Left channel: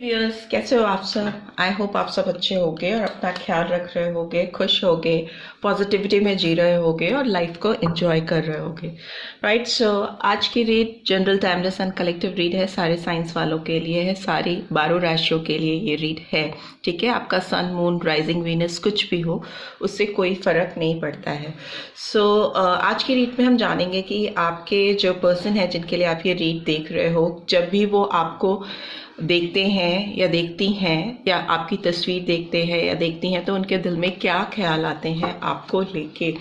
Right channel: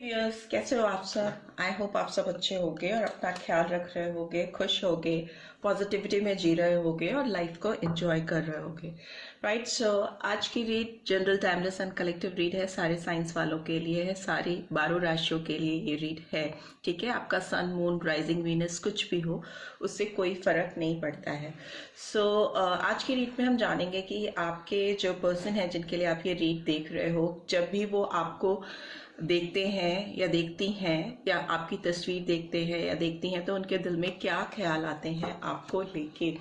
Yes, कैसे हो आप सब? आई होप आप सब अच्छे होगे और अपना ख्याल रख रहे होगे, खुश होगे, पॉजिटिविटी में जी रहे होगे और लाइफ को एंजॉय कर रहे होगे। राइट, सो आज की read general timeless and collective read है, सारे साइंस वालों के लिए है, सारी 12 राशियों के लिए ये रीड है। ठीक है, आपका सन, मून, राइजिंग, वीनस कुछ भी हो, उससे कोई फर्क नहीं पड़ता है। सो आज की रीड में हम जानेंगे कि आपके जो पर्सन है जिनके लिए आप ये रीड देख रहे हो, जब भी वो आपको देखते हैं या देखती हैं या आपकी तस्वीर देखते हैं या देखती हैं, तो उनके दिल में क्या ख्याल आते हैं आपको लेके।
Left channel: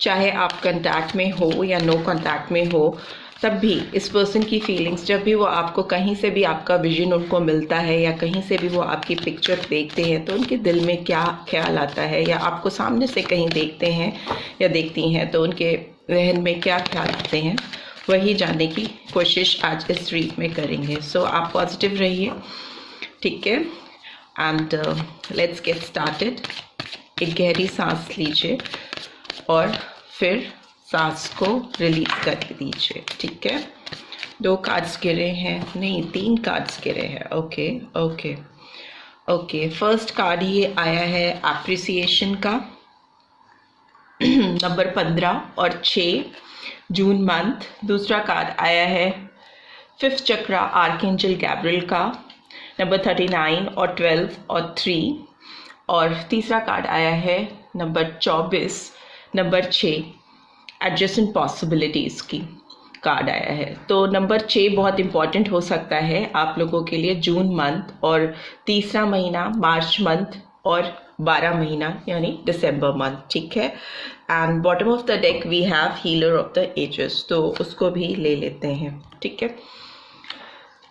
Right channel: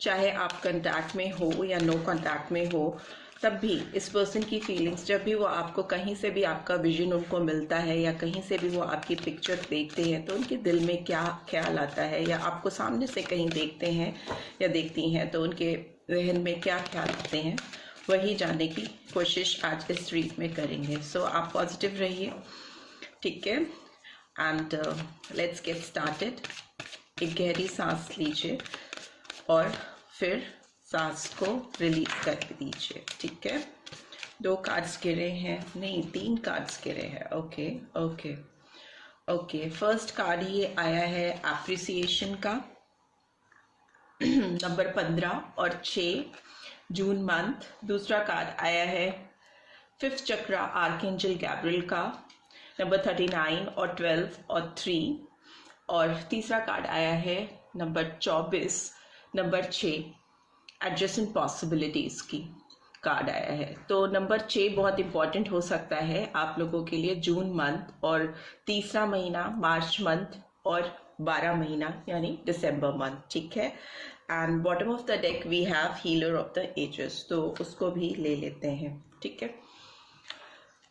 चाहे आप कांटेक्ट में हो या नो कांटेक्ट में हो, तब भी इस पर्सन की फीलिंग्स, जब भी वो आपको कहीं से भी आपका विजन उनको मिलता है या कहीं से भी वो आपकी पिक्चर देखते हैं, तो उनके दिल में क्या ख्याल आता है, या आपको सामने से कहीं देखते हैं या देखती हैं तो उनके जहन में क्या ख्याल आते हैं, वही जानने की कोशिश आज इस रीड में करेंगे। सो आप पॉजिटिव रहिए, ठीक है, एंड लेट्स गेट स्टार्टेड। एक गहरी सांस लीजिए और फिर सांस को रिलीज कर दीजिए। ठीक है, 2 कार्ड्स गिरे हैं, नहीं 3 कार्ड्स गिरे हैं। Okay okay okay, first card ये आया है अप्रिसिएशन का, नंबर 15 और 6 जून मंथ। दूसरा कार्ड आया है 5th चक्रा आर्कएंजल गैब्रियल का, नंबर 39 और 12 और 3। और तीसरा कार्ड आया है नंबर 24, नंबर 6 एडजस्टेंट पॉसिबिलिटीज़ की कार्ड आया है। तो नंबर 6 बहुत इम्पॉर्टेंट हो सकता है आप लोगों के लिए जून मंथ, और तीसरा महीना मार्च मंथ, और 12 महीना यानी दिसंबर मंथ। ठीक है, and bottom of the deck we have healer of the ages, तो उसको भी ले लेते हैं। ठीक है,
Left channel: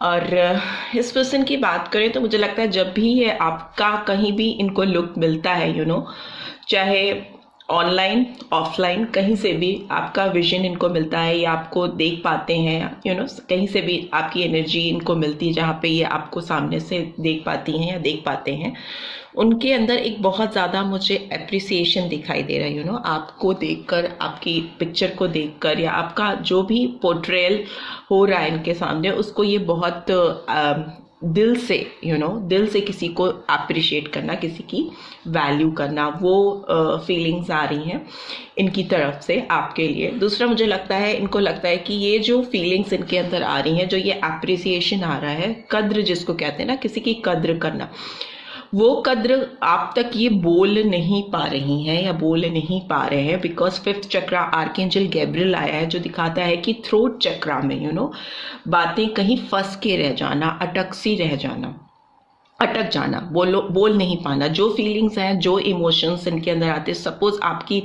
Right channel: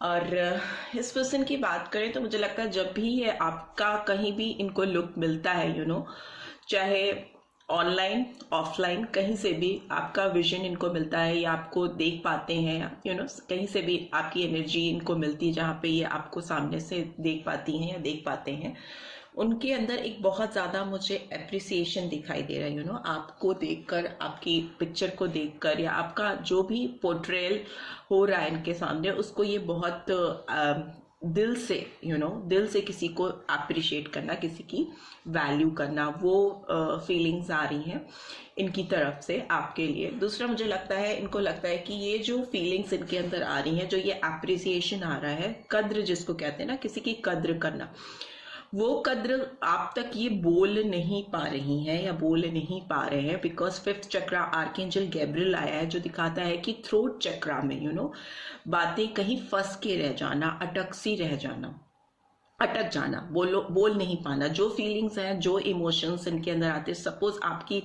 और इस पर्सन की बात करें तो मुझे लगता है जब भी ये आपका कहीं भी इनको लुक मिलता है, चाहे ऑनलाइन ऑफलाइन कहीं से भी आपका विजन इनको मिलता है या आपको देख पाते हैं, कहीं से भी आपकी एनर्जी इनको मिलती है जहाँ पे ये आपको सामने से देख पाती हैं या देख पाते हैं, उनके अंदर एक बहुत ज़्यादा मुझे एप्रिसिएशन दिखाई दे रहा है। आपको देखकर, आपकी पिक्चर को देखकर, या आपका जो भी पोर्ट्रेयल हो रहा है इनके सामने, उसको ये बहुत दिल से दिल से किसी को अप्रिशिएट करना, किसी की वैल्यू करना, वो फीलिंग्स आ रही हैं इनकी तरफ से आपके लिए। दूसरा मुझे लगता है, इनको लगता है कि ये जो फीलिंग्स इनके अंदर आ रही हैं, जो ये अप्रिसिएशन आ रहा है, कद्र जिसको कहते हैं ना, किसी की कद्र करना, वो कद्र आप तक ये बोल नहीं पा रही हैं या बोल नहीं पा रहे हैं, because 5th chakra archangel Gabriel आया है, जो दिखाता है कि थ्रोट चक्रा में बातें कहीं फंस के रह जाना, अटक जाना, बोल नहीं पाना, जो फीलिंग्स हैं, जो इमोशंस इनके अंदर आते हैं। सपोज आपकी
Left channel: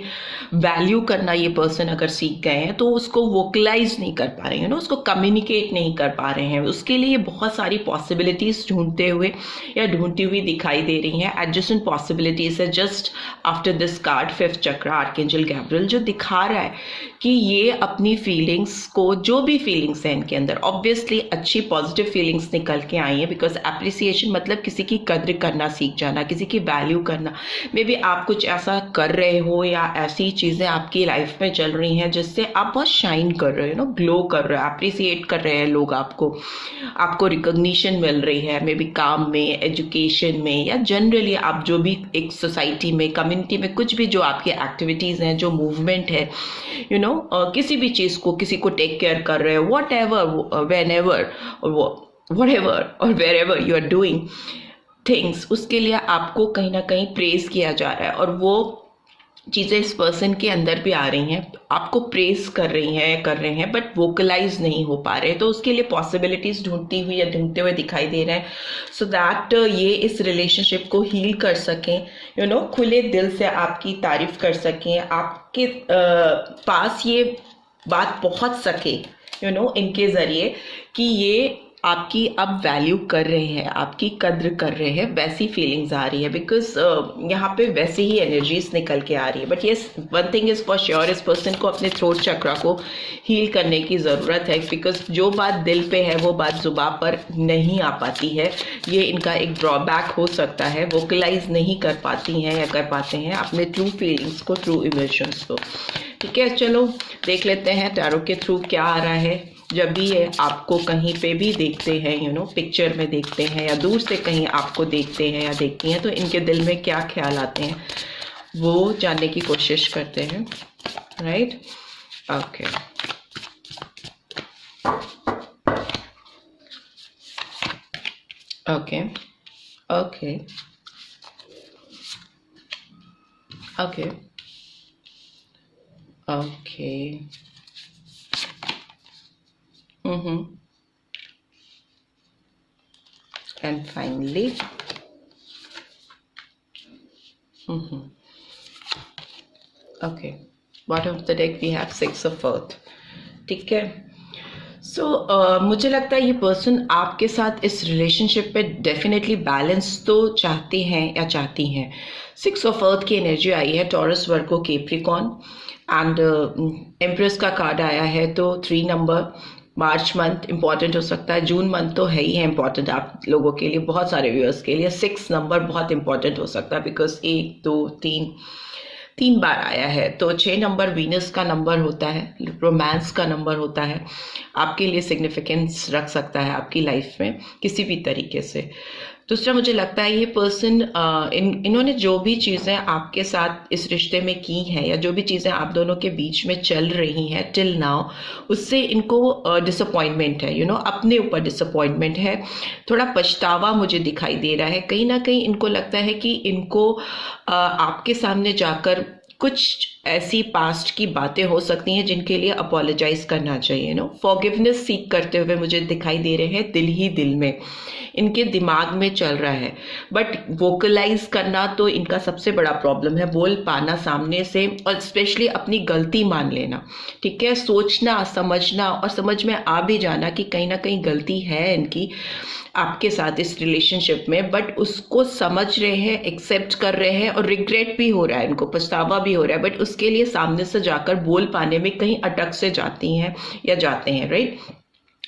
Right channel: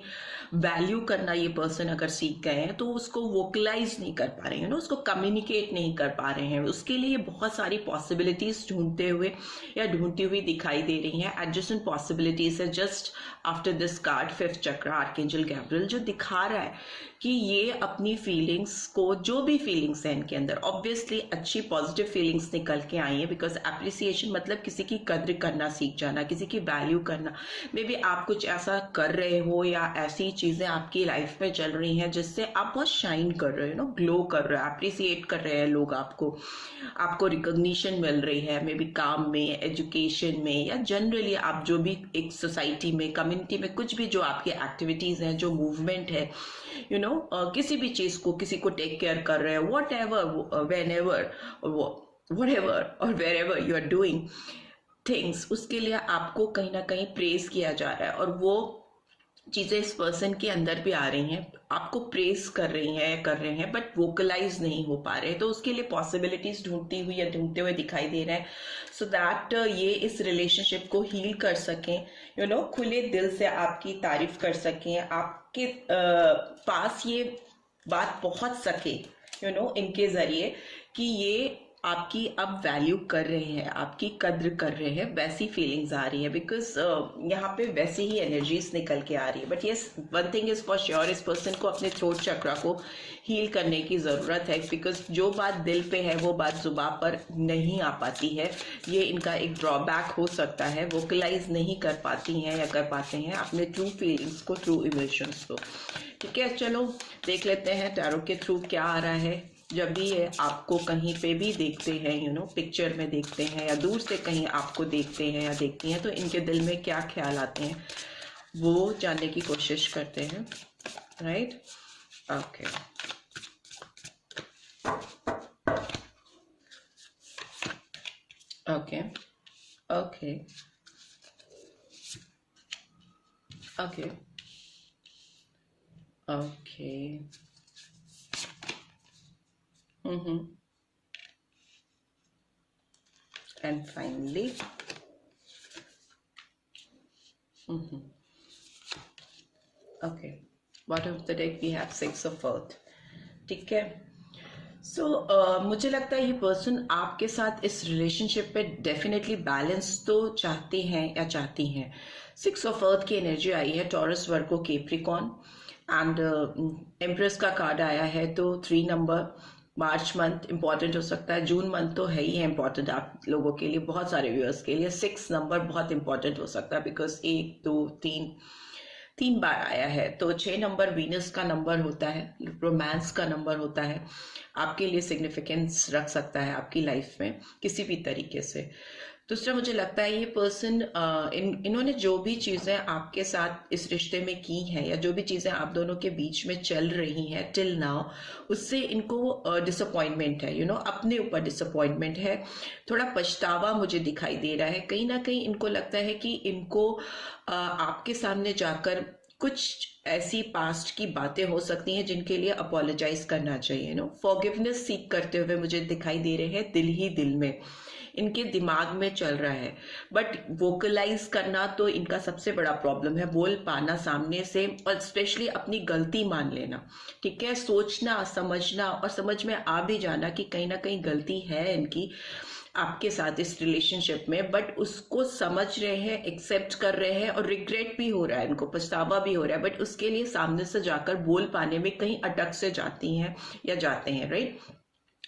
वैल्यू करना ये पर्सन अगर सीख गए हैं, तो उसको वोकलाइज नहीं कर पा रहे हैं, उसको कम्युनिकेट नहीं कर पा रहे हैं। उसके लिए बहुत सारी पॉसिबिलिटीज ढूंढते हुए या ढूंढती हुई दिखाई दे रही हैं। एडजस्टेंट पॉसिबिलिटीज है just after this card 5th chakra archangel Gabriel, जो दिखा रहा है कि ये अपनी फीलिंग्स को, जो भी फीलिंग्स हैं इनके अंदर, ऑब्वियसली अच्छी पॉजिटिव फीलिंग्स निकल के आई हैं, बिकॉज एप्रिसिएशन मतलब किसी की कद्र करना सीख जाना, किसी की वैल्यू करना। मे बी आप कुछ ऐसा कर रहे हो या ऐसी चीज़ें आपकी लाइफ में चल रही हैं जिससे आप बहुत शाइन कर रहे हो, ग्लो कर रहे हो, अप्रिसिएट कर रहे हैं लोग आपको रिकॉग्निशन मिल रही है, मे बी काम में, एजुकेशन में, या जनरली आप जो भी एक सोसाइटी में, कम्युनिटी में, कुछ भी जो आपकी एक्टिविटीज़ हैं, जो मूवमेंट है, किसी भी चीज़ को, किसी को टेक केयर कर रहे हो, what ever, when ever, whatever or wherever you are doing things, उसके लिए आपको कहीं ना कहीं प्रेज किया जा रहा है, और वो चीज़ें इस पर्सन के अंदर भी आ रही हैं, आपको प्रेज कर रहे हैं, बट वोकलाइज नहीं हो पा रहे, तो उसके लिए पॉसिबिलिटीज ढूंढती हुई या ढूंढते हुए दिखाई दे रहे हैं, सो दैट ये इस रिलेशनशिप को हील कर सकें, खुले दिल से आपकी तारीफ कर सकें, आपके पास ये बात पहुंच सके इनके ज़रिए कि ये आपकी अब वैल्यू कर रहे हैं, आपकी कद्र कर रहे हैं, वैसी फीलिंग्स आ रही है, बिकॉज यहाँ पे वैसी ही एनर्जीज निकल के आ रही है। But yes, one thing is for sure, इस पर्सन को अपने थ्रोट चक्रा को हील करने की ज़रूरत है, बिकॉज जो बात दिल पे है वो बात जुबान पर नहीं आ पाती है। ये इनका एक ड्रॉबैक हो सकता है, वोकलाइज नहीं कर पाती हैं या कर पाते हैं अपने ट्रू फीलिंग्स को, ट्रू इमोशंस को। ठीक है, चलो देख लेते हैं टैरो के थ्रू क्या आ रहा है जब भी ये आपको कहीं पे भी देखते हैं, पिक्चर में देखते हैं या दूर से कहीं आपको देखते हैं या देखती हैं, तो इनके दिल में क्या ख्याल आते हैं वो जानने की कोशिश करते हैं, right? Okay, okay, okay, okay, okay, and finally, okay, bottom of the deck we have 6 of earth, ठीक है? सो मुझे लगता है ये पर्सन आपके साथ इस रिलेशनशिप पे डेफिनेटली बैलेंस तो चाहते हैं या चाहती हैं। 6 ऑफ अर्थ की एनर्जी आई है, taurus, Virgo, Capricorn, and empress का कार्ड आया है, तो 3 नंबर। मार्च मंथ इंपॉर्टेंट हो सकता है, जून मंथ तो है ही है इंपॉर्टेंट आप लोगों के लिए, बहुत सारे व्यूअर्स के लिए 6 नंबर बहुत इंपॉर्टेंट हो सकता है, बिकॉज 1 2 3 बार आया है। तो 6 नंबर वीनस का नंबर होता है, रोमांस का नंबर होता है, आपके लिए सिग्निफिकेंस रख सकता है आपकी लाइफ में किसी भी तरीके से। दूसरा, मुझे लगता है ये पर्सन इन्होंने जो भी चीज़ें आपके साथ इस रिश्ते में की हैं या जो भी चीज़ें आप दोनों के बीच में चल रही हैं टिल नाउ, उससे इनको डिसअपॉइंटमेंट है, अपने ऊपर डिसअपॉइंटमेंट है, थोड़ा पछतावा मुझे दिखाई दे रहा है। कहीं ना कहीं इनको लगता है कि इनको आपके सामने जाकर कुछ ऐसी पास्ट की बातें हो सकती हैं जिनके लिए अपोलोजाइज करना चाहिए, फॉरगिवनेस सीख करते हुए मुझे दिखाई दे रहे हैं, दिल ही दिल में इनके दिमाग में चल रहा है, बट वोकलाइज करना तो इनका सबसे बड़ा प्रॉब्लम है, बोल पाना सामने से, और स्पेशली अपनी गलती मान लेना, ठीक है? सोचना, समझना और समझ में आ भी जाना कि कहीं ना कहीं गलती है इनकी आपके साथ इस रिलेशनशिप में, बट उसको समझ रहे हैं, एक्सेप्ट कर रहे हैं, और रिग्रेट भी हो रहा है, इनको पछतावा भी हो रहा है, बट उसके लिए सामने से जाकर बोल पाने में कहीं अटक से जाती हैं या जाते हैं, राइट?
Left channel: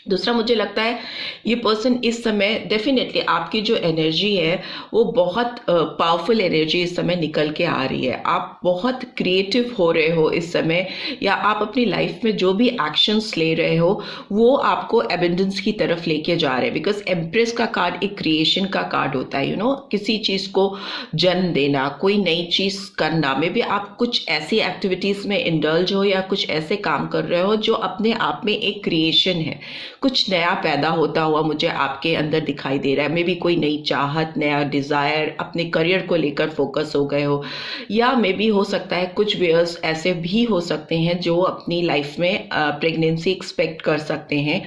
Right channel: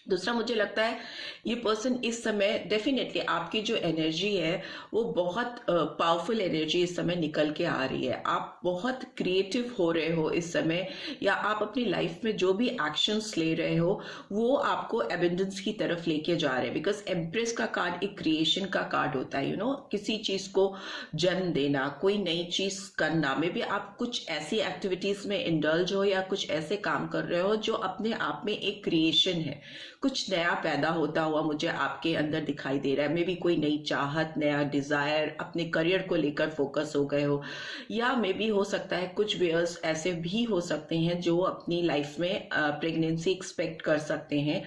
दूसरा, मुझे लगता है ये पर्सन इस समय डेफिनेटली आपकी जो एनर्जी है वो बहुत पावरफुल एनर्जी इस समय निकल के आ रही है। आप बहुत क्रिएटिव हो रहे हो इस समय, या आप अपनी लाइफ में जो भी एक्शंस ले रहे हो वो आपको एबंडेंस की तरफ लेके जा रहे हैं, बिकॉज एम्प्रेस का कार्ड एक क्रिएशन का कार्ड होता है, किसी चीज़ को जन्म देना, कोई नई चीज़ करना। मे बी आप कुछ ऐसी एक्टिविटीज़ में इंडल्ज हो या कुछ ऐसे काम कर रहे हो जो अपने आप में एक क्रिएशन है, कुछ नया पैदा होता हुआ मुझे आपके अंदर दिखाई दे रहा है। मे बी कोई नई चाहत, नया डिज़ायर, अपने करियर को लेकर फोकस हो गए हो, या मे बी हो सकता है कुछ व्यूअर्स ऐसे भी हो सकते हैं जो अपनी लाइफ में प्रेगनेंसी एक्सपेक्ट कर सकते हैं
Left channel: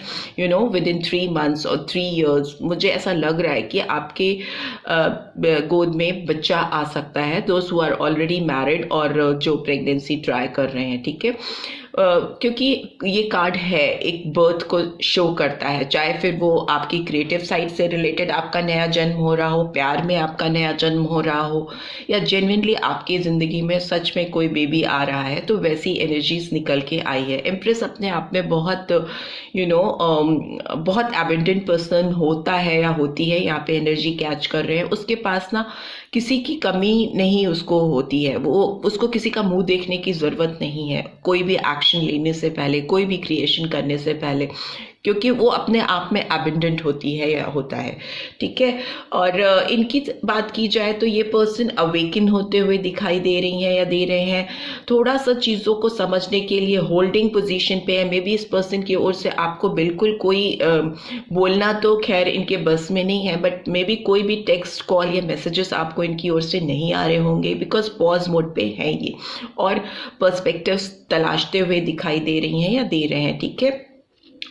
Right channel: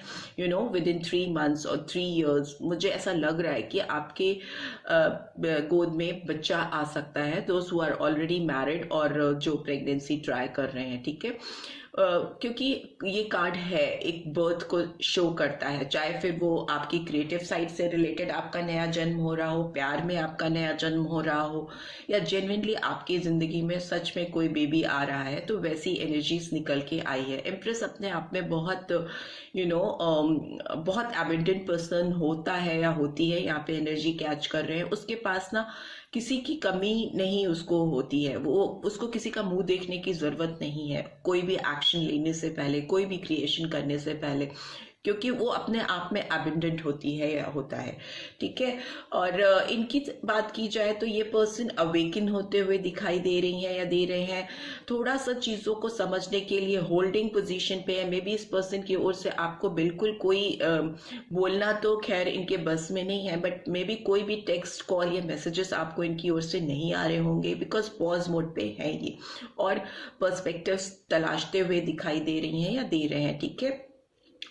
विद इन 3 months और 3 years। मुझे ऐसा लग रहा है कि आपके गोद में बच्चा आ सकता है, दोस्त हु आर ऑलरेडी मैरिड और जो प्रेगनेंसी ट्राई कर रहे हैं, ठीक है? क्योंकि ये कार्ड है एक बर्थ को शो करता है, चाहे फिर वो आपकी क्रिएटिव साइड से रिलेटेड आपका नया जन्म हो रहा हो, प्यार में आपका नया जन्म हो रहा हो, या जेन्युइनली आपकी ज़िंदगी में सच में कोई बेबी आ रहा है, तो वैसी एनर्जीज निकल के आई है। एम्प्रेस अपने आप में बहुत बहुत एबंडेंट पर्सन होता है या होती है, यहाँ पे एनर्जी कैच कर रहे हैं, उसके पास ना किसी की कमी नहीं उसको होती है, वो उसको किसी का मुंह देखने की ज़रूरत नहीं है कोई भी एक्शन लेने से पहले, कोई भी क्रिएशन करने से पहले, क्योंकि वो अपने आप में एबंडेंट होती है या होता है, ठीक है? और इनकी बात की जाए तो ये पर्सन अवेकन होते हुए दिखाई दे रही हैं या दे रहे हैं, थोड़ा सा चीज़ों को समझने के लिए होल्डिंग पोजीशन पे है। मे बी इस पर्सन की ओर से आपको बिल्कुल कोई बोलना तो खैर इनके बस में नहीं है, बट मे बी कोई भी टेक्स्ट, कॉल या मैसेजेस आपको इनकी ओर से नहीं आ रहे होंगे, बिकॉज पॉज मोड पे है ये, और पर्सपेक्टिव्स तलाशते हुए दिखाई दे रही हैं या दे रहे हैं, ठीक है?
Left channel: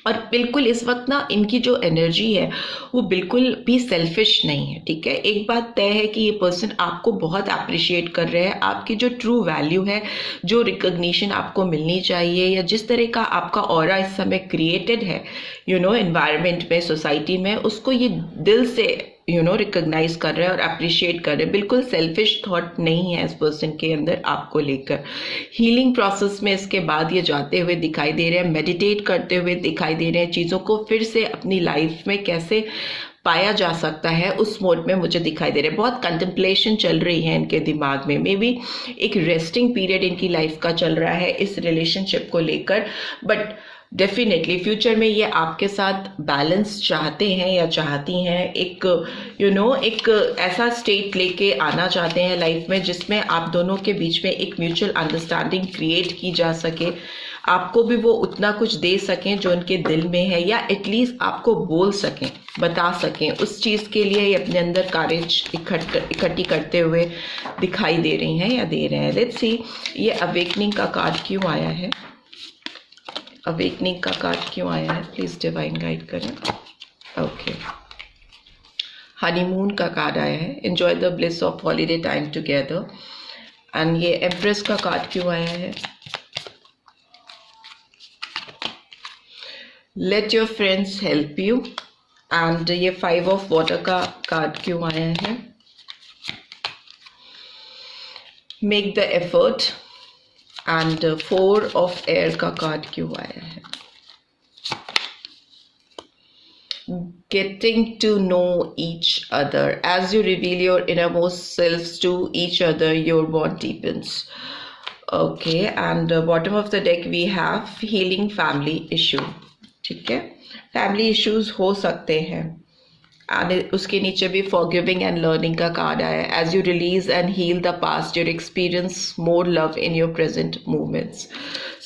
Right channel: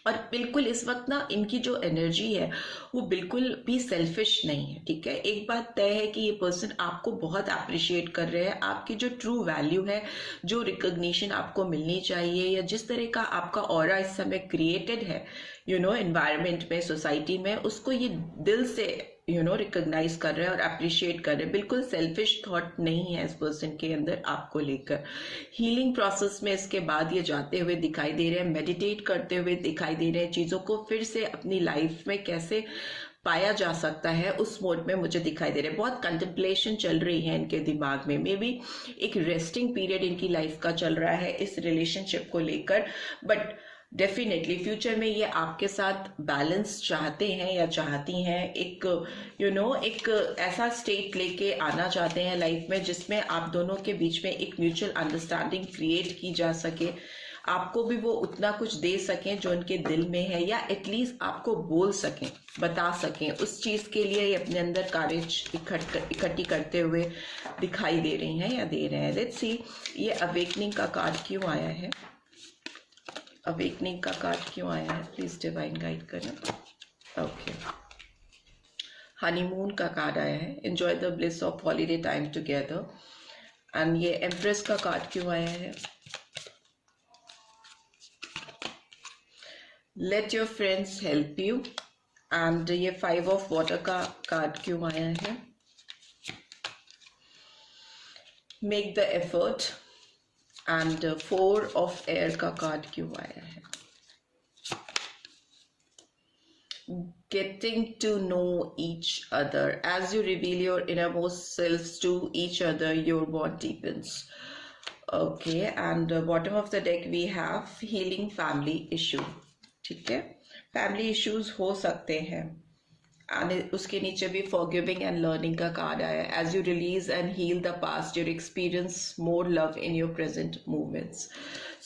और बिल्कुल इस वक्त ना इनकी जो एनर्जी है वो बिल्कुल भी सेल्फिश नहीं है, ठीक है? एक बात तय है कि ये पर्सन आपको बहुत अप्रिशिएट कर रहे हैं, आपकी जो ट्रू वैल्यू है, जो रिकॉग्निशन आपको मिलनी चाहिए, या जिस तरह का आपका ऑरा इस समय क्रिएटेड है एनवायरनमेंट में, सोसाइटी में, उसको ये दिल से रिकॉग्नाइज कर रहे हैं और अप्रिशिएट कर रहे हैं। बिल्कुल सेल्फिश थॉट नहीं है इस पर्सन के अंदर आपको लेकर। हीलिंग प्रोसेस में इसके बाद ये जाते हुए दिखाई दे रहे हैं, मेडिटेट करते हुए दिखाई दे रहे हैं, चीज़ों को फिर से अपनी लाइफ में कैसे पाया जा सकता है उस मोड में मुझे दिखाई दे रहे हैं। बहुत कंटेम्पलेशन चल रही है इनके दिमाग में, मे बी एक रेस्टिंग पीरियड इनकी लाइफ का चल रहा है इस रिलेशनशिप को लेकर, बट डेफिनेटली फ्यूचर में ये आपके साथ बैलेंस चाहते हैं या चाहती हैं, एक एक ऐसा स्टेट लेके आना चाहते हैं लाइफ में जिसमें आप दोनों के बीच में एक म्यूचुअल अंडरस्टैंडिंग क्रिएट की जा सके, आपको भी वो उतना कुछ दे सकें जो उनके दिल में है, या एटलीस्ट आपको बोल सकें, बता सकें। उस चीज़ के लिए ये अपने अंदर करेज इकट्ठी करते हुए दिखाई दे रही हैं या दे रहे हैं। लेट्स सी ये अवेकनिंग का कार्ड क्यों आया है, अवेकनिंग का कार्ड क्यों आया है, प्लीज डिवाइन गाइड करें। ओके, हनीमून का कार्ड आया है, enjoy the bliss of holiday time together. And ये एम्प्रेस का कार्ड क्यों आया है, let your friends help you. And ये 5 ऑफ वाटर का कार्ड क्यों आया है, make the effort. And 4 of air का कार्ड क्यों आया है, getting to know each other. As you reveal your innermost selves to each other, your bond deepens. Okay, and bottom of the deck we have healing family issue. ठीक है, family issues हो सकते हैं। And उसके नीचे भी forgiving and learning का card आया है, as you release and heal the past your experience more love in your present movements.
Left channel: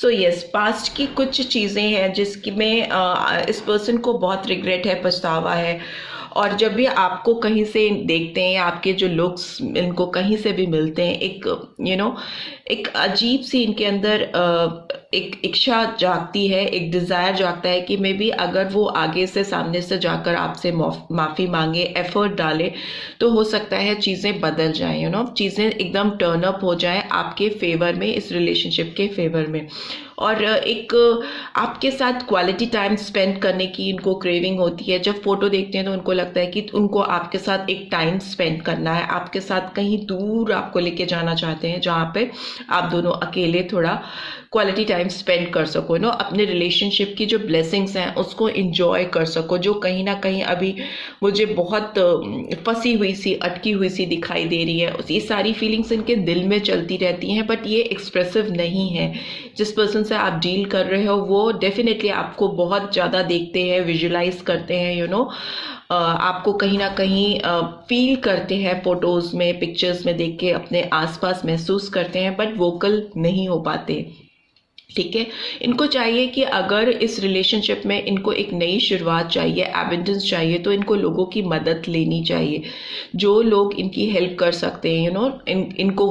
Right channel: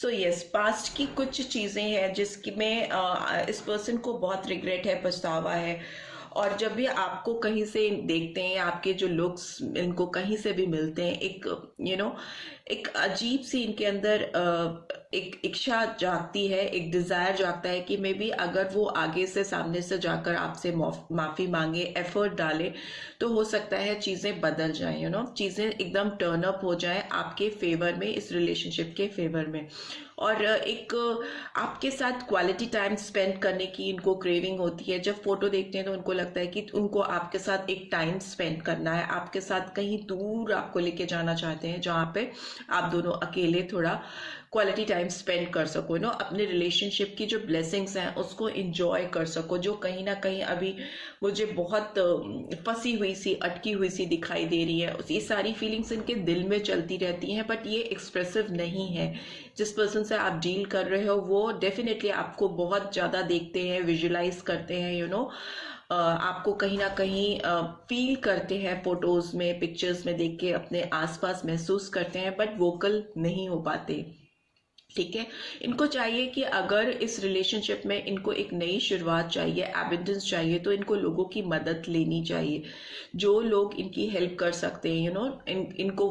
So yes, past की कुछ चीज़ें हैं जिसकी में इस पर्सन को बहुत रिग्रेट है, पछतावा है। और जब भी आपको कहीं से देखते हैं, आपके जो लुक्स इनको कहीं से भी मिलते हैं, एक एक अजीब सी इनके अंदर एक इच्छा जागती है, एक डिज़ायर जागता है कि मे बी अगर वो आगे से सामने से जाकर आपसे माफ़ी मांगे, एफर्ट डाले, तो हो सकता है चीज़ें बदल जाएं, चीज़ें एकदम टर्न अप हो जाएं आपके फेवर में, इस रिलेशनशिप के फेवर में। और एक आपके साथ क्वालिटी टाइम स्पेंड करने की इनको क्रेविंग होती है। जब फोटो देखते हैं तो उनको लगता है कि उनको आपके साथ एक टाइम स्पेंड करना है, आपके साथ कहीं दूर आपको लेके जाना चाहते हैं जहाँ पे आप दोनों अकेले थोड़ा क्वालिटी टाइम स्पेंड कर सको, अपने रिलेशनशिप की जो ब्लेसिंग्स हैं उसको एंजॉय कर सको, जो कहीं ना कहीं अभी मुझे बहुत फंसी हुई सी, अटकी हुई सी दिखाई दे रही है। ये सारी फीलिंग्स इनके दिल में चलती रहती हैं, बट ये एक्सप्रेसिव नहीं है। जिस पर्सन से आप डील कर रहे हो वो डेफिनेटली आपको बहुत ज़्यादा देखते हैं, विजुलाइज करते हैं, आपको कहीं ना कहीं फील करते हैं, फोटोज़ में, पिक्चर्स में देख के अपने आसपास महसूस करते हैं, बट वोकल नहीं हो पाते। ठीक है, इनको चाहिए कि अगर इस रिलेशनशिप में इनको एक नई शुरुआत चाहिए, एबंडेंस चाहिए, तो इनको लोगों की मदद लेनी चाहिए, जो लोग इनकी हेल्प कर सकते हैं। इनको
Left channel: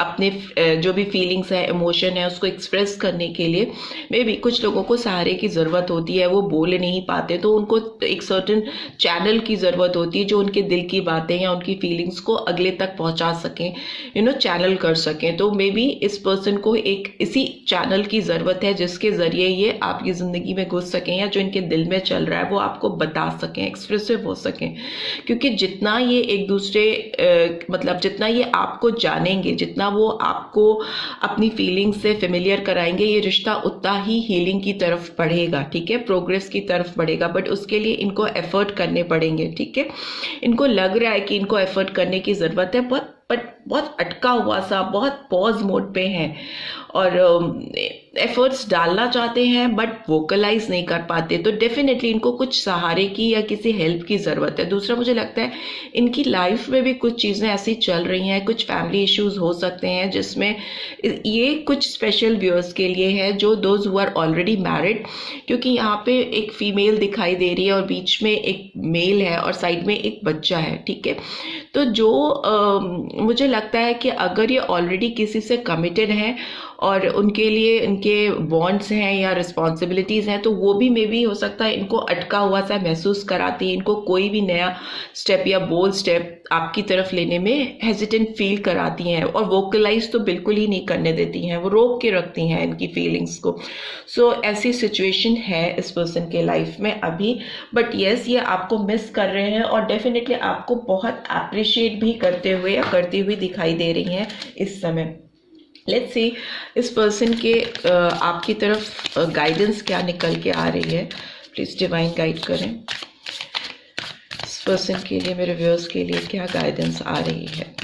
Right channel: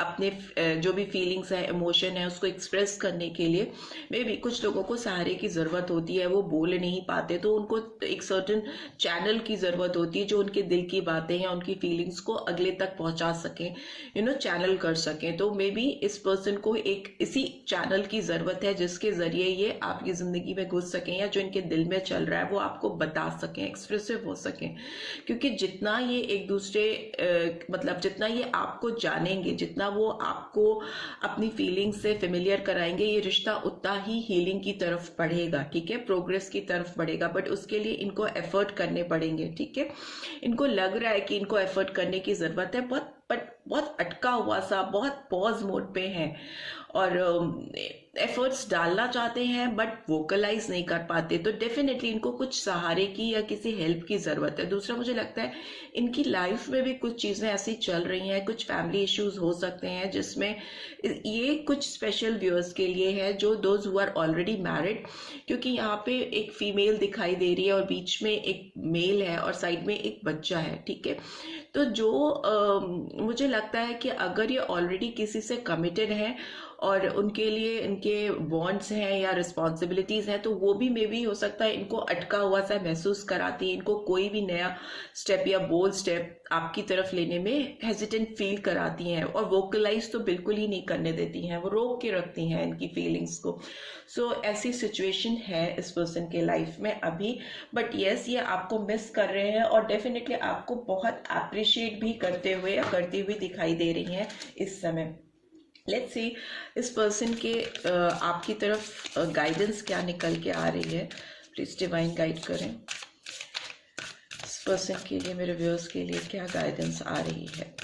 अपने जो भी फीलिंग्स है, इमोशन है, उसको एक्सप्रेस करने के लिए मे बी कुछ लोगों को सहारे की ज़रूरत होती है, वो बोल नहीं पाते, तो उनको एक सर्टन चैनल की ज़रूरत होती है जो उनके दिल की बातें या उनकी फीलिंग्स को अगले तक पहुँचा सकें, चैनल कर सकें। तो मे बी इस पर्सन को एक इसी चैनल की ज़रूरत है जिसके ज़रिए ये आपकी ज़िंदगी में घुस सकें, या जो इनके दिल में चल रहा है वो आपको बता सकें, एक्सप्रेसिव हो सकें। क्योंकि जितना ये एक दूसरे मतलब जितना ये आपको जानेंगे, जितना वो आपको अपनी फीलिंग्स से फेमिलियर कराएंगे, ये रिश्ता उतना ही हीलिंग की तरफ बढ़ेगा। ठीक है, प्रोग्रेस की तरफ बढ़ेगा, बट उसके लिए इनको एफर्ट करने पड़ेंगे। ठीक है, इनको लग रहा है कि इनको एफर्ट करने की ज़रूरत है, बट बहुत अटका हुआ सा, बहुत पॉज मोड पे हैं और एफर्ट्स डालना चाहते हैं बट वोकलाइज नहीं कर पाते। तो डेफिनेटली इनको कुछ सहारे की या किसी हेल्प की ज़रूरत है। दूसरा, मुझे लगता है इनकी लाइफ में भी कुछ चीज़ें ऐसी चल रही हैं, कुछ फैमिली इश्यूज हो सकते हैं जिसमें ये कुछ स्पेशल व्यूअर्स के लिए है, जो those who are already married, क्योंकि यहाँ पे एक फीमेल दिखाई दे रही है और बीच में एक मेल है और साइड में एक बच्चा है। ठीक है, तो जो मुझे लगता है कि अगर ये ऑलरेडी किसी से कमिटेड हैं और उनके लिए इनके बॉन्ड्स हैं या रिस्पॉन्सिबिलिटीज़ हैं, तो वो भी मे बी हो सकता है इनको अटका हुआ सा महसूस कराती है, इनको कोई भी नया स्टेप या बोल्ड स्टेप आपकी तरफ लेने में हेजिटेंट फील कराती हैं, और वोकलाइज तो बिल्कुल ही नहीं करने देती हैं, वो रोक के रखती हैं इनकी फीलिंग्स को। सो ऐसी सिचुएशन है इस पर्सन के लाइफ में अभी, बट येस, ये आपको मिस कर रहे हैं और डेफिनेटली आपको बहुत अप्रिशिएट भी करते हुए या करती हुई दिखाई दे रही हैं इस समय। लेट्स सी इस पर्सन के आपकी तरफ गाइडेंस क्या निकल के आ रही है, प्लीज डिवाइन गाइड करें। इस पर्सन के लिए, मेरे व्यूअर्स के लिए क्या गाइडेंस आ रही है।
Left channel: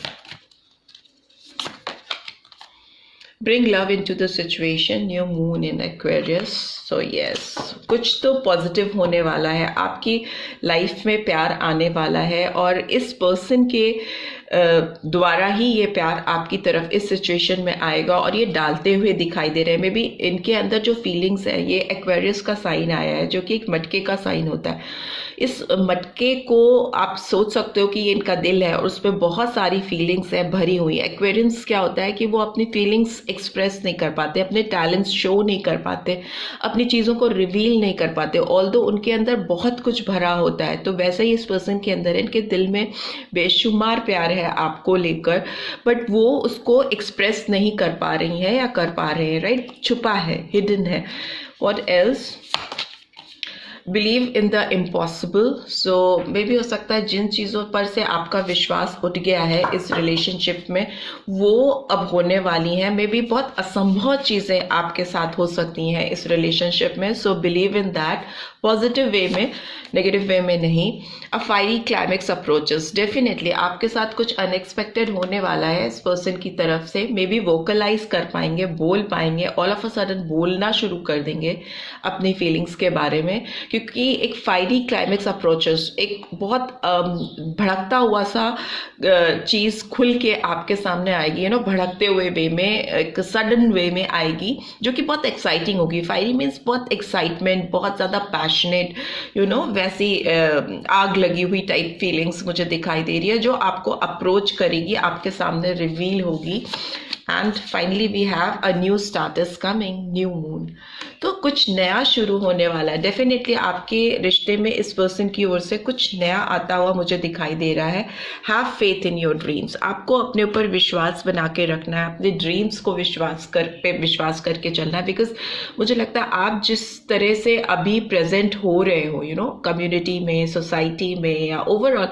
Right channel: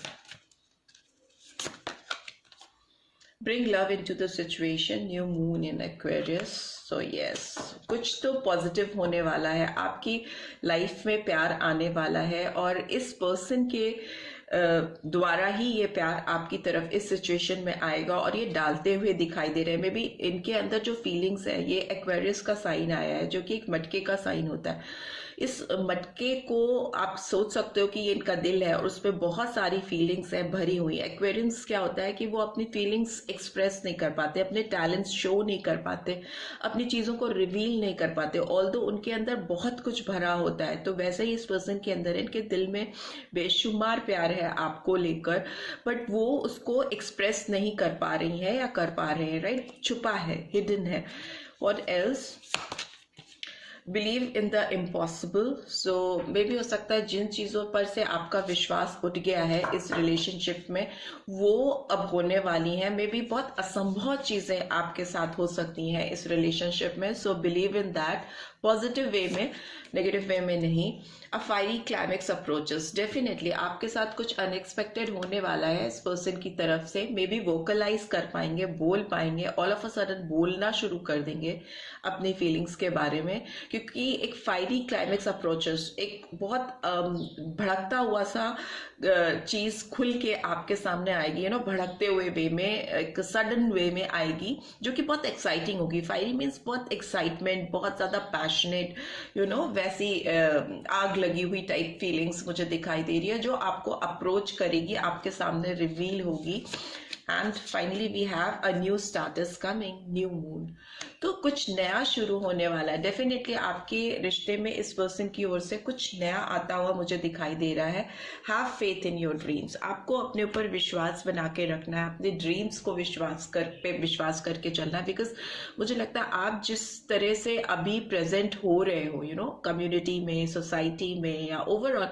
bring love into the situation, new moon in Aquarius. So yes, कुछ तो पॉजिटिव होने वाला है, आपकी लाइफ में प्यार आने वाला है और इस पर्सन के द्वारा ही ये प्यार आपकी तरफ इस सिचुएशन में आएगा और ये डालते हुए दिखाई दे रहे हैं। मे बी इनके अंदर जो फीलिंग्स है, ये एक्वेरियस का साइन आया है जो कि एक मटके का साइन होता है। इस मटके को आप सोच सकते हो कि ये इनका दिल है और उसमें बहुत सारी फीलिंग्स हैं भरी हुई। एक्वेरियंस क्या होता है कि वो अपनी फीलिंग्स एक्सप्रेस नहीं कर पाते, अपने टैलेंट्स शो नहीं कर पाते, अपनी चीज़ों को रिवील नहीं कर पाते, ऑल्दो उनके अंदर बहुत कुछ भरा होता है। तो वैसे ही इस पर्सन के अंदर, इनके दिल में बेशुमार प्यार है आपको लेकर, बट वो उसको एक्सप्रेस नहीं कर पा रही है या कर पा रहे हैं, राइट? छुपा है, हिडन है। What else? Believe in the impossible. So मे भी हो सकता है जिन चीज़ों पर से आपका विश्वास उठ गया है इस रिलेशनशिप में, वो अब होने वाली हैं। मे बी बहुत असंभव चीज़ें आपके साथ हो सकती हैं इस रिलेशनशिप में। So believe in that, positive way में, नेगेटिव वे में नहीं। अ फायरी क्लाइमेक्स अप्रोचेस, डेफिनेटली आपके साथ कुछ अनएक्सपेक्टेड होने वाला है इस पर्सन की तरफ से। मे बी वोकलाइज कर पाएंगे, बोल पाएंगे, ऑल ऑफ अ सडन बोलना शुरू कर देंगे अपनी फीलिंग्स के बारे में, क्योंकि एक फायरी क्लाइमेक्स अप्रोचेस, एक बहुत भड़कता हुआ सा चीज़ खुल के आपके सामने आएगी, यू नो, भड़कते हुए वे में, एक सडन वे में आएगी जो कि बहुत एक्साइटिंग होगी। फायरी मीन्स बहुत एक्साइटमेंट, बहुत ज़्यादा पैशनेट, यू नो, वैसी आग लगी हुई टाइप फीलिंग्स मुझे दिखाई दे रही है जो आपको अप्रोच करेगी, आपके सामने रिवील होगी। And finally we have a new starts coming, new moon. तो कुछ नया शुरू होने वाला है। डेफिनेटली आपके रिश्ते में इस पर्सन की ओर से कुछ नया आता हुआ मुझे दिखाई दे रहा है। Have faith in your dreams, आपको अपने ऊपर विश्वास बना के रखना है, अपने ड्रीम्स को विश्वास करके चलना है। बिकॉज मुझे लगता है आप जिस तरह से अभी प्रेजेंट हो रहे हो, यू नो, कम्युनिटी में, सोसाइटी में, या ओवरऑल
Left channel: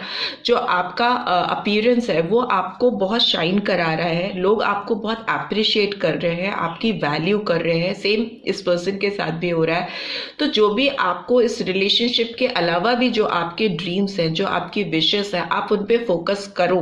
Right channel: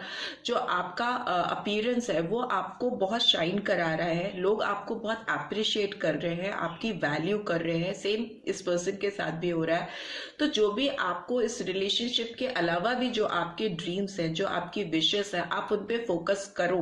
जो आपका अपीयरेंस है, वो आपको बहुत शाइन करा रहा है। लोग आपको बहुत अप्रिशिएट कर रहे हैं, आपकी वैल्यू कर रहे हैं। सेम इस पर्सन के साथ भी हो रहा है। तो जो भी आपको इस रिलेशनशिप के अलावा भी जो आपके ड्रीम्स हैं, जो आपकी विशेस है, आप उन पे फोकस करो।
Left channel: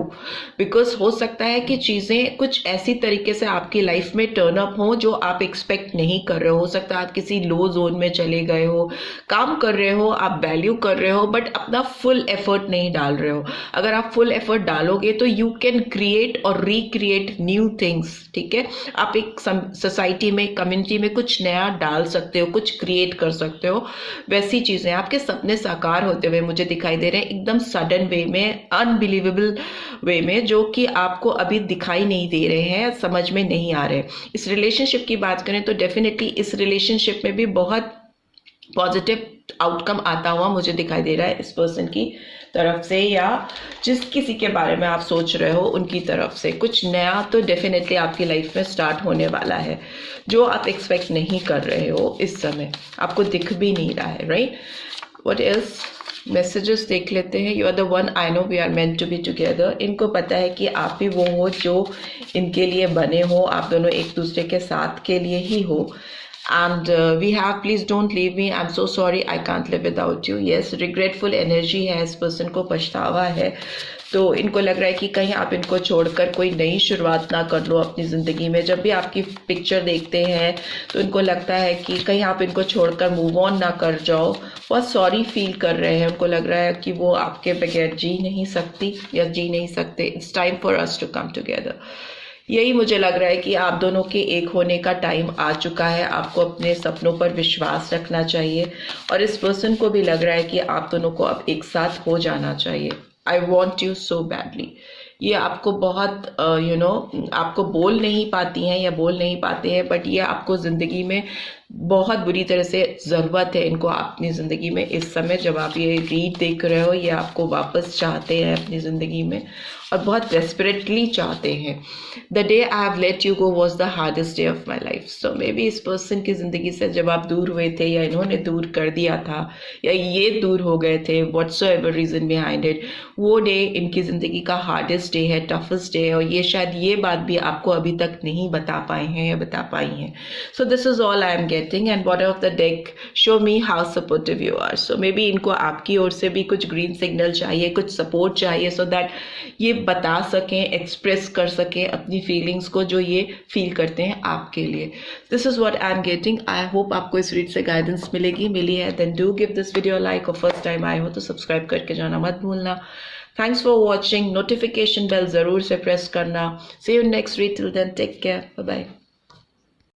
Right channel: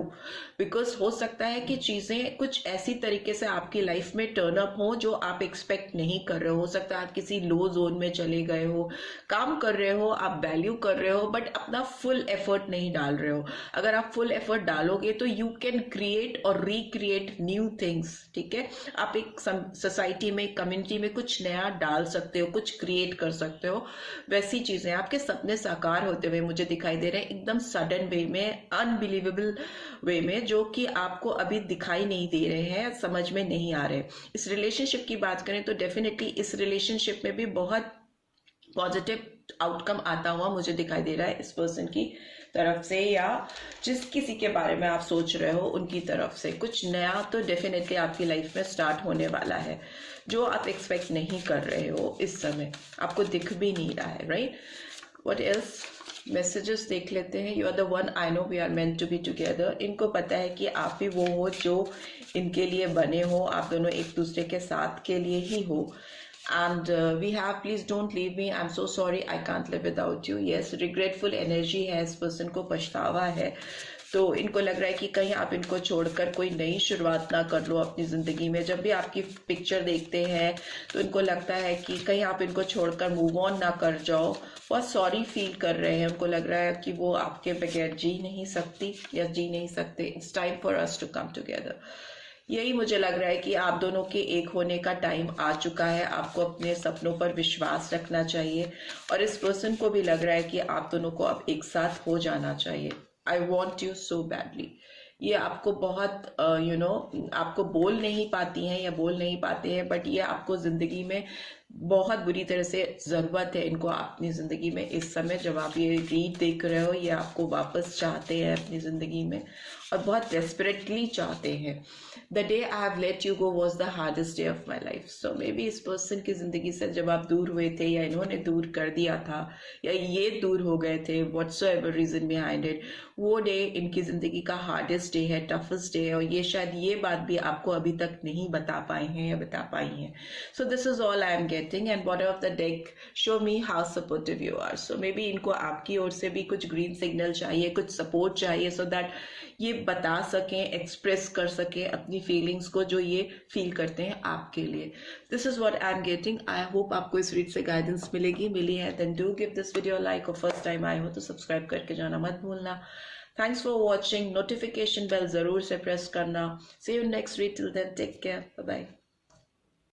बिकॉज हो सकता है कि चीज़ें कुछ ऐसी तरीके से आपकी लाइफ में टर्न अप हो जो आप एक्सपेक्ट नहीं कर रहे हो सकता है आप किसी लो जोन में चले गए हो, काम कर रहे हो, आप वैल्यू कर रहे हो, बट अपना फुल एफर्ट नहीं डाल रहे हो। अगर आप फुल एफर्ट डालोगे तो यू कैन क्रिएट और रिक्रिएट न्यू थिंग्स। ठीक है, आप एक सोसाइटी में, कम्युनिटी में कुछ नया डाल सकते हो, कुछ क्रिएट कर सकते हो। वैसी चीजें, आपके सपने साकार होते हुए मुझे दिखाई दे रहे हैं, एकदम सडन वे में, अनबिलीवेबल वे में, जो कि आपको अभी दिखाई नहीं दे रहे हैं, समझ में नहीं आ रहे। इस रिलेशनशिप की बात करें तो डेफिनेटली इस रिलेशनशिप में भी बहुत पॉजिटिव आउटकम आता हुआ मुझे दिखाई दे रहा है इस पर्सन की तरफ से, या जिस किसी के बारे में आप सोच रहे हो उनकी तरफ से। कुछ नया तो डेफिनेटली आपकी लाइफ में स्टार्ट होने वाला है जो आप एक्सपेक्ट नहीं कर रहे हो इस समय, आपको दिख भी नहीं रहा है, राइट? What else? मैसेजेस देख लेते हैं। You are the one, I know we are meant to be together. इनको पता है कि आप ही वो हो जो इनके लिए बने हो, आप दोनों एक दूसरे के साथ के लिए ही हो। And we have, please don't leave me, I'm so sorry, I can't live without you. Yes, regretful energy है इस पर्सन को, पछतावा है। तो इनको लग रहा है कि कहीं आप इनको छोड़कर कोई नई शुरुआत ना कर लो अपनी ज़िंदगी में। जब भी आपकी पिक्चर देखते हैं तो इनको लगता है कि कहीं आप इनको छोड़कर मूव ऑन ना कर जाओ। बहुत सॉरी फील कर रहे हैं, उनको लग रहा है कि वो आपके बगैर जी नहीं सकती या जी नहीं सकते। It's time for us to come together. यही मुझे लग रहा है कि आप दोनों के एक होने का टाइम आ चुका है। आपको अपने सपनों पर विश्वास रखना चाहिए और इस पर्सन को भी लग रहा है कि आप दोनों को अब एक साथ हो जाना चाहिए। I want you so badly. ये आपको बहुत आपको बोल नहीं पाती हैं या बोल नहीं पाते हैं, बट ये आपको ज़िंदगी में बहुत बुरी तरह से ज़रूरत है इनको अपनी ज़िंदगी में। इस समय जब आप ये रीड देख रहे हो, ये आपको वापस चाहते हैं अपनी ज़िंदगी में और बहुत डेस्परेटली चाहते हैं। The day I have let you go was the hardest day of my life. So may be इस पर्सन की ज़िंदगी से जब आप दूर हुए थे या इन्होंने दूर कर दिया था या ये दूर हो गए थे, व्हाट्सोएवर रीज़न बिहाइंड इट, वो डे इनकी ज़िंदगी का हार्डेस्ट डे है, टफेस्ट डे है, और ये शायद ये बात भी आपको अभी तक नहीं बता पाए हैं या बता पाई हैं। So this is all I am getting. getting, and bottom of the deck show me how supportive you are. So maybe इनको आपकी ओर से भी कुछ green signal चाहिए, कुछ support चाहिए, so that ये बता सकें, express कर सकें अपनी feelings को जो ये feel करते हैं आपके लिए. This is what I'm getting. I hope आपको इस read से guidance मिली है. Then do give this video a like, और first time आए हो तो subscribe करके जाना मत भूलना. Thanks for watching. Notification bell ज़रूर से press करना. See you next read. Till then, take care. Bye bye.